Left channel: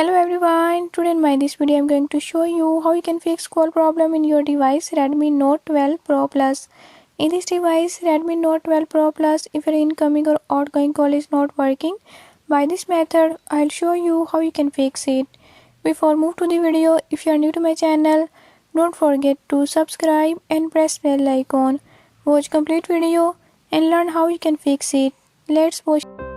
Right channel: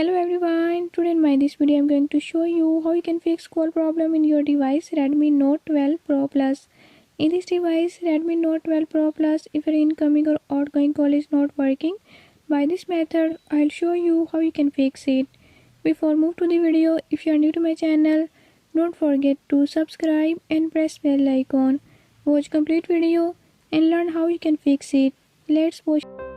Hello everyone, today in my this video I'm going to show you how you can fix call problem in your device Redmi Note 12 Pro Plus. In this device Redmi Note 12 Pro Plus, if your incoming or outgoing call is not working, by this method I'll show you how you can fix it. Before move to the video, if you are new to my channel, don't forget to subscribe and press bell icon. Watch complete video and learn how you can fix it. Let's watch.